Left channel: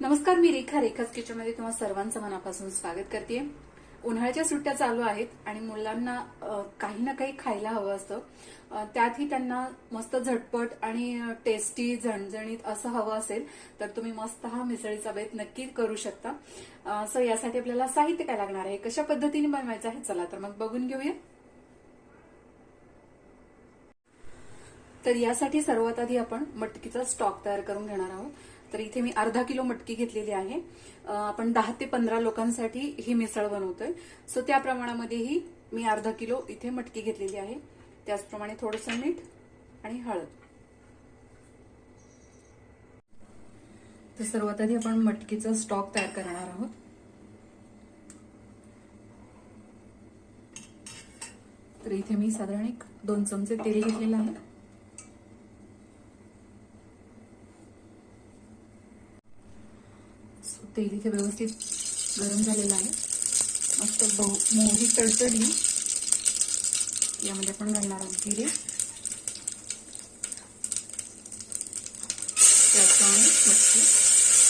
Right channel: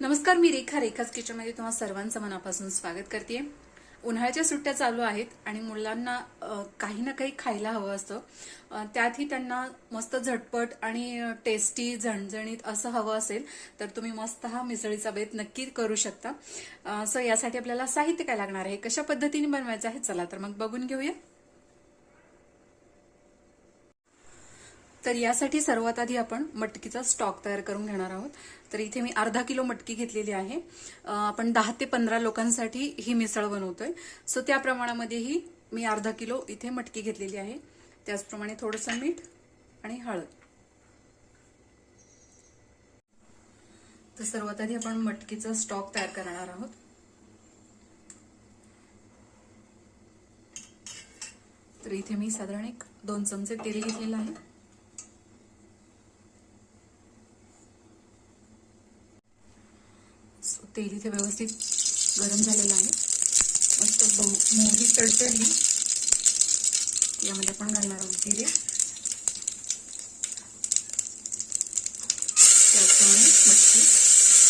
नमस्कार, मी रेखाच किचनमध्ये तुम्हा सर्वांचं मनापासून स्वागत करते. उन्हाळ्याच्या सुट्ट्या चालू आहेत आणि मुलांना काही ना काही खायला हवं असतं. त्यातही त्यांना मस्त झटपट आणि टेस्टी झणझणीत असं हवं असेल तर तुम्ही मस्त हा मिसळीचा बेत नक्की करू शकता. सो यासाठी आपल्याला साहित्य काय लागणार आहे, कशा पद्धतीने बनवायचं आहे, चला तर मग बघून घेऊया. तर यासाठी सर्वात आधी आपण मटकीचा स्टॉक तयार करून घेणार आहोत. तर इथे मी अर्धा किलो मटकी घेतलेली आहे. आपण 10 ते 15 लोकांसाठी ही मिसळ बनवतोय. सो त्या प्रमाणामध्येही मी अर्धा किलो इथे मटकी घेतलेली आहे. त्याचप्रमाणे थोडंसं मीठ आणि हळद. तर सर्वात आधी आपण मटकीचा स्टॉक तयार करणार आहोत. तर इथे मी साधारण 2 चमचे तेल घेतलेलं आहे. तेल इथे व्यवस्थित गरम झालेलं आहे. मस्त मोहरी तडतडली. यामध्ये आपण घालणार आहोत जिरे, त्याचप्रमाणे मटकी.